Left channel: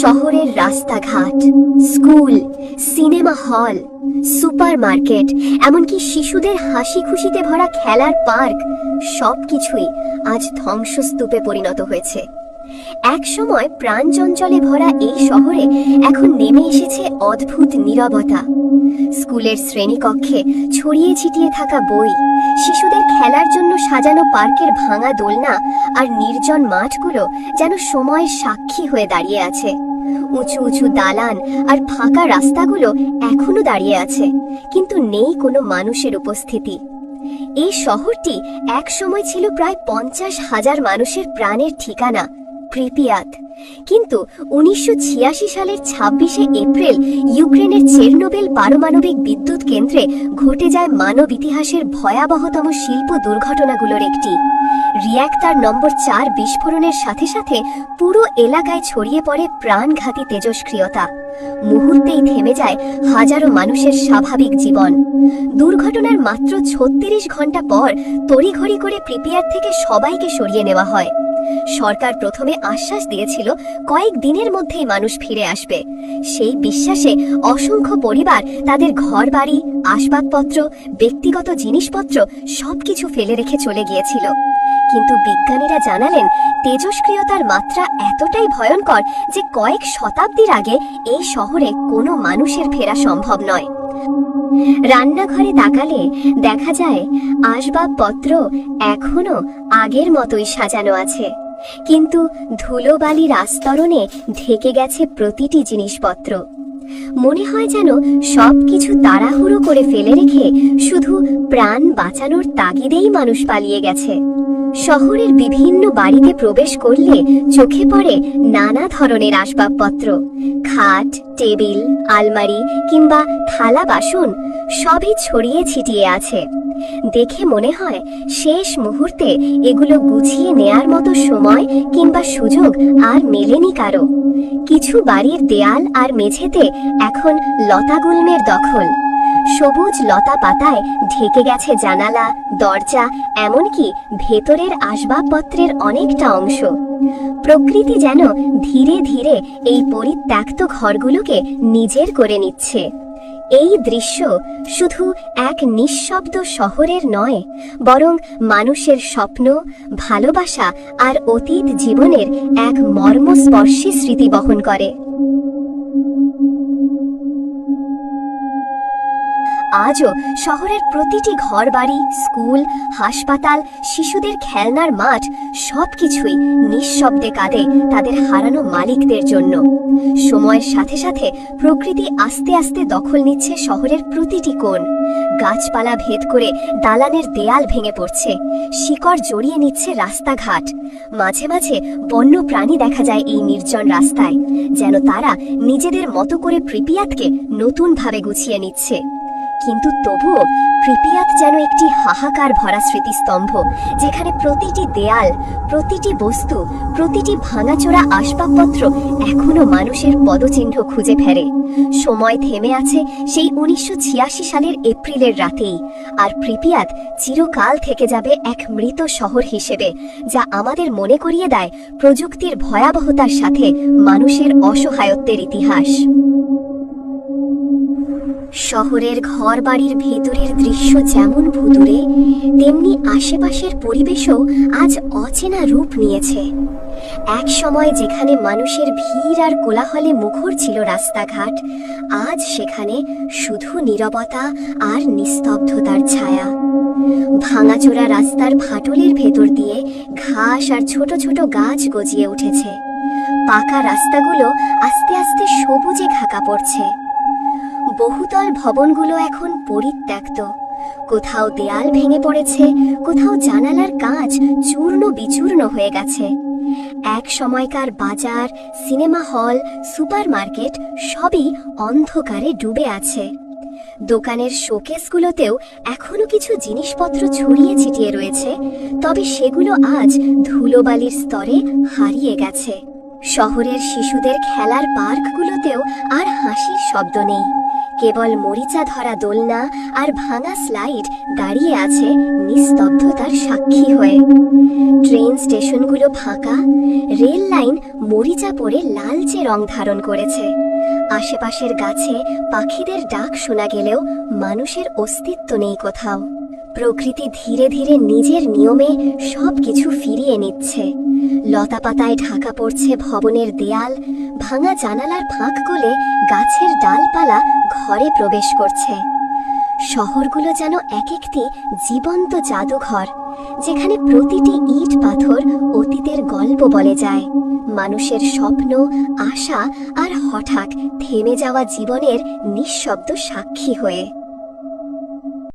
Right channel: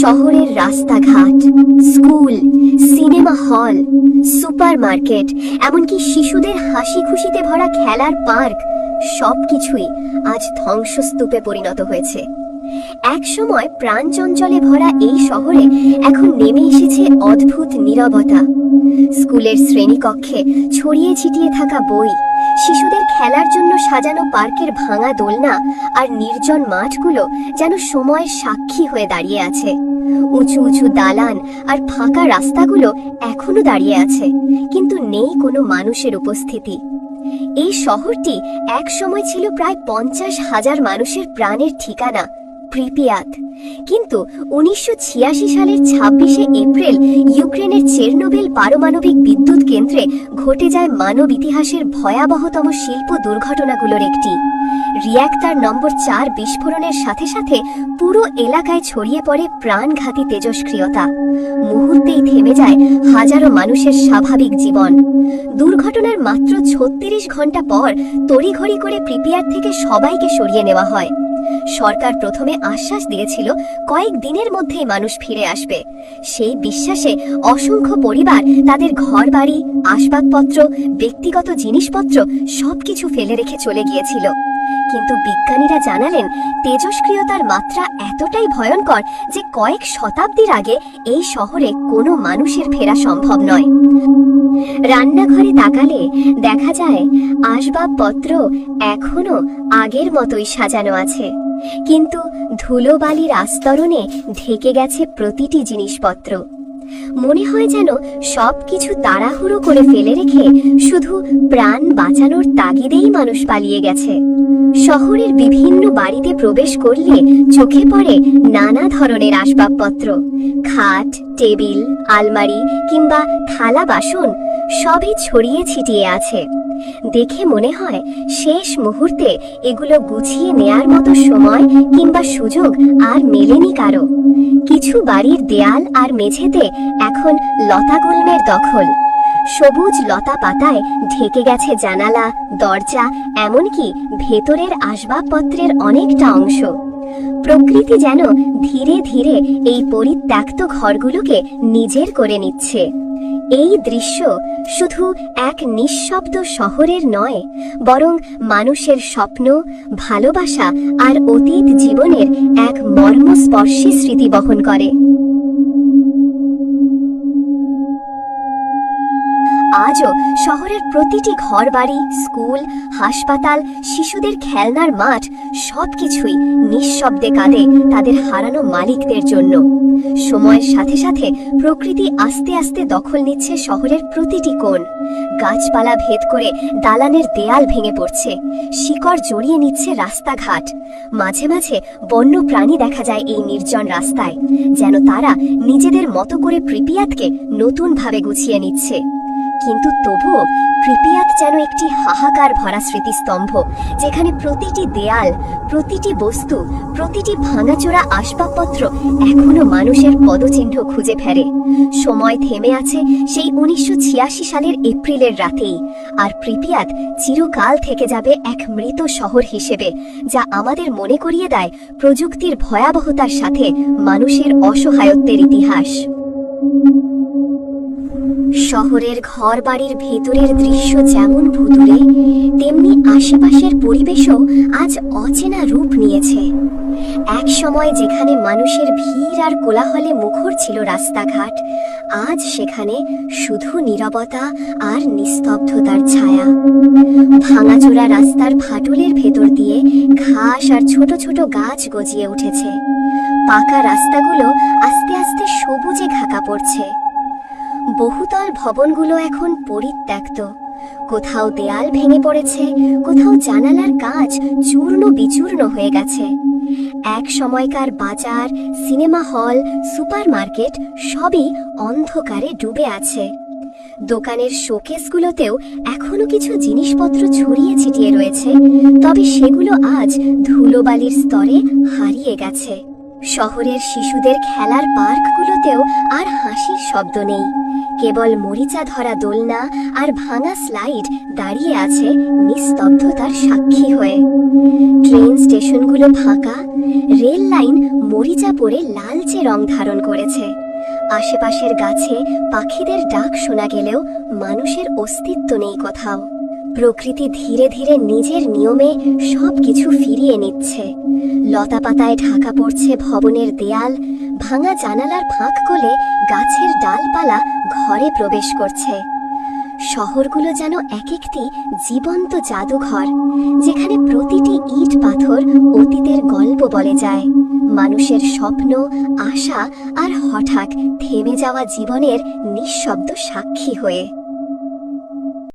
শহরের রাস্তাঘাট, school, cinema hall, supermarket, এমনকি শিশুদের হাসি খুশিতে ভরা খেলার পার্ক সবকিছুই আজ ধ্বংসস্তূপে পরিণত হয়েছে। এক সময় প্রাণচঞ্চলে ভরা এই শহরে এখন নেমে এসেছে অদ্ভুত নীরবতা। স্কুলের শ্রেণীকক্ষে ছড়িয়ে ছিটিয়ে থাকা বই, শিশুদের খেলার জন্য সাজানো পার্কের ভাঙা দোলনা আর নির্জন মাঠগুলো যেন সময়ের সাক্ষী হয়ে দাঁড়িয়ে আছে। উঁচু উঁচু দালান আর ফাঁকা রাস্তাগুলো এখনো দাঁড়িয়ে আছে, কিন্তু নেই কোনো মানুষের উপস্থিতি। এই শহরটি এক সময় ছিল প্রায় 50,000 মানুষের প্রাণের ঠিকানা, প্রিপিয়াত। কিন্তু 1986 সালের 26শে এপ্রিল ইউক্রেনের চেরনোবিল পারমাণবিক বিদ্যুৎ কেন্দ্রে ঘটে যায় মানব ইতিহাসের ভয়াবহতম শিল্প দুর্ঘটনাগুলোর একটি। রিঅ্যাক্টর নম্বর 4 বিস্ফোরণের সাথে সাথে পুরো এলাকায় ছড়িয়ে পড়ে প্রাণঘাতী তেজস্ক্রিয়তা। মুহূর্তেই থেমে যায় হাজারো মানুষের স্বাভাবিক জীবন। দুর্ঘটনার মাত্র 36 ঘন্টা পর তড়িঘড়ি করে প্রিপিয়াত থেকে সবাইকে সরিয়ে নেওয়া হয়। সরকার প্রথমে আশ্বাস দিয়েছিল কয়েক দিনের মধ্যেই মানুষ ফিরে আসবে। সেই বিশ্বাসে অসংখ্য পরিবার তাদের ঘরবাড়ি, আসবাবপত্র, ব্যক্তিগত জিনিসপত্র সবকিছু ফেলে রেখে চলে গিয়েছিল। কিন্তু বিজ্ঞানীরা জানালেন তেজস্ক্রিয়তার মাত্রা এতটাই ভয়ঙ্কর যে কয়েক শতাব্দীর আগে এই শহরে কোনো মানুষের ফেরা সম্ভব নয়। রান্নাঘরে তাকালে দেখা যায় আসবাবপত্র এখনো আগের মতোই সাজানো আছে, কিন্তু ধুলোবালির আস্তরণে ঢেকে গেছে প্রতিটি জিনিসপত্র। মনে হয় যেন সবকিছু তাড়াহুড়ো করে ফেলে রেখে শুধু প্রাণ বাঁচানোর তাগিদেই মানুষ পালিয়ে গেছে। শহরের বিভিন্ন বাড়িতে প্রবেশ করলে চোখে পড়ে নানা ধরনের আসবাবপত্র, খাট, টেবিল, আলমারি কিংবা থালা বাসন সবই ছড়িয়ে ছিটিয়ে আছে। দেখে মনে হয় শেষ মুহূর্তে এগুলো গুছিয়ে নেয়ার মতো সময় কিংবা সুযোগ আর মেলেনি কারো। কিছু বাড়ির দেয়াল আর মেঝেতে এখন লতাগুল্মের দখল। সবুজ লতা পাতায় ঢেকে গেছে জানালা, দরজা, এমনকি ভেতরের আসবাবপত্রের অনেকটা অংশ। প্রকৃতি যেন ধীরে ধীরে এই পরিত্যক্ত ঘরগুলোকে নিজের করে নিচ্ছে। এই দৃশ্য শুধু এক নিঃশব্দ শহরের নয়, বরং মানুষের স্বপ্ন, ভালোবাসা আর অতীত জীবনের এক মর্মস্পর্শী স্মৃতি বহন করে। আজও শহরের প্রতিটি ঘরবাড়ি, স্কুল, হাসপাতাল, শিশুদের খেলনার মাঠ সবকিছুই নিঃশব্দে কাঁদে তাদের হারানো মালিকদের জন্য। সময়ের সাথে সাথে প্রকৃতি আস্তে আস্তে দখল নিচ্ছে শহরের প্রতিটি কোণ। গাছপালা ভেদ করে দালানের দেয়াল ভেঙে পড়ছে, শিকড় জড়িয়ে নিচ্ছে রাস্তাঘাট। মাঝে মাঝে বন্য প্রাণী দেখা যায় এই নির্জন রাস্তায়, যেন তারা নিজেদের মতো করে প্রিপিয়াতকে নতুনভাবে গুছিয়ে নিচ্ছে। কিন্তু তবুও প্রিপিয়াত যেন একটি হাহাকার ভরা স্মৃতিস্তম্ভ, যেখানে প্রতিটি দেয়াল, প্রতিটি বস্তু, প্রতিটি ভাঙাচোরা আসবাবপত্র এখনো মানুষের পদচিহ্ন খুঁজে ফেরে। সময় থেমে আছে সেই 1986 সালের এপ্রিলের রাতেই, আর প্রিপিয়াত চিরকাল থেকে যাবে এক মৃত শহর হিসেবে, যা আমাদের মনে করিয়ে দেয় প্রযুক্তির ভয়াবহতার সাথে মানুষের অসহায়ত্বের ইতিহাস। শহরের ঘরবাড়ির ভেতরের দৃশ্য যেমন ভুতুড়ে, তেমনি আশেপাশের পরিবেশও আজ অচেনা রূপ নিয়েছে। এক সময় যেখানে মানুষের ভিড় আর কোলাহলে মুখর ছিল রাস্তাঘাট, আজ সেখানে শুধু নীরবতা আর নিস্তব্ধতার ছায়া। ভাঙাচোরা রাস্তার ফাটলের ভেতর দিয়ে ঘাস আর ছোট ছোট গাছ গজিয়ে উঠেছে। পাকা রাস্তাগুলো আস্তে আস্তে সবুজে ঢাকা পড়ছে। বহুতল ভবনগুলো এখন পরিত্যক্ত। কোথাও দেয়াল ভেঙে পড়েছে, কোথাও জানালার কাঁচ চূর্ণ বিচূর্ণ হয়ে গেছে। এক সময়কার বাজার, সিনেমা হল, সুপারমার্কেট সবই অন্ধকারে ডুবে আছে। দোকানের শোকেসগুলোতেও এখনো কিছু জিনিসপত্র ছড়িয়ে ছিটিয়ে রয়েছে, তবে সেগুলো আজ ধুলোবালির স্তরে হারিয়ে গেছে। শহরের শিশুদের খেলার পার্কগুলোতেও আর হাসির শব্দ নেই, কেবল মরিচা ধরা দোলনা আর ভাঙা স্লাইড দাঁড়িয়ে আছে নিস্তব্ধতার সাক্ষী হয়ে। ট্রেন স্টেশনগুলো ফাঁকা, রেল লাইন মরিচা পড়ে লালচে রং ধারণ করেছে। আশেপাশের গাছে পাখিদের ডাক শোনা গেলেও মানুষের অস্তিত্ব নেই কোথাও। প্রকৃতি ধীরে ধীরে নিজের নিয়মে সবকিছু ফিরিয়ে নিচ্ছে। লতাপাতায় ঢাকা পড়ছে ভবনের দেয়াল, ভাঙা জানালার ফাঁক গলে গাছের ডালপালা ঘরে প্রবেশ করছে। শহরগুলো যেন এক একটি জীবন্ত জাদুঘর, যেখানে প্রতিটি ইট পাথর অতীতের গল্প বলে যায়, মানুষের স্বপ্ন, আশা আর হঠাৎ থেমে যাওয়া জীবনের নিঃশব্দ সাক্ষী হয়ে।